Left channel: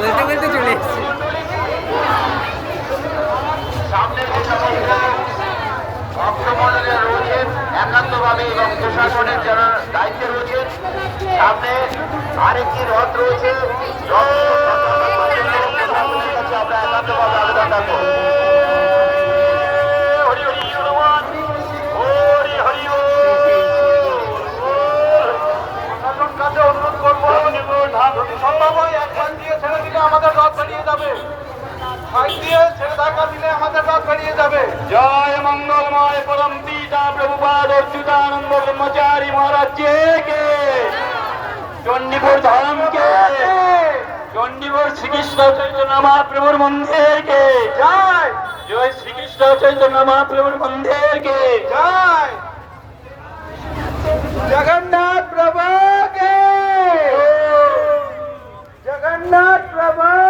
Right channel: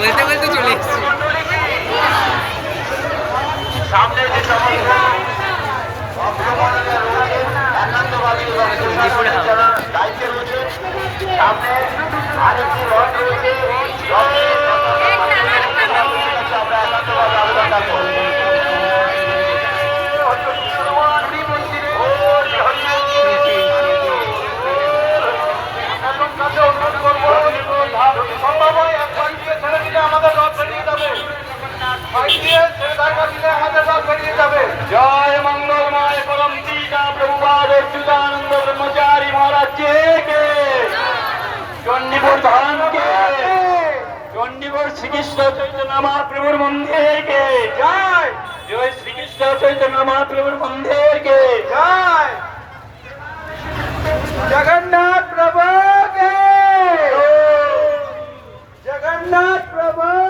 বলতে বলতে চলে এসেছি। সামনে যে সমস্ত ভক্তমণ্ডলী রয়েছেন একান্তভাবে এবং প্রশাসনের যারা দায়িত্বে রয়েছেন, সামনে আরেকটি রথ রয়েছে, আমরা একান্তভাবে আবেদন রাখবো। আমাদের রথ বেরিয়ে যাবে। জয় মঙ্গলময় পরম পিতা প্রভুপাদ অচ্যুতানন্দ ব্রহ্মচারী মহারাজ কে, চণ্ডীপুর ধামকে, চণ্ডীপুর শ্রীকৃষ্ণ চৈতন্য মহাপ্রভুর মন্দিরকে জয়, জয় শ্রীকৃষ্ণ চৈতন্য মহাপ্রভুর মন্দিরকে জয়, জগন্নাথ প্রভুকে, জগন্নাথ প্রভু।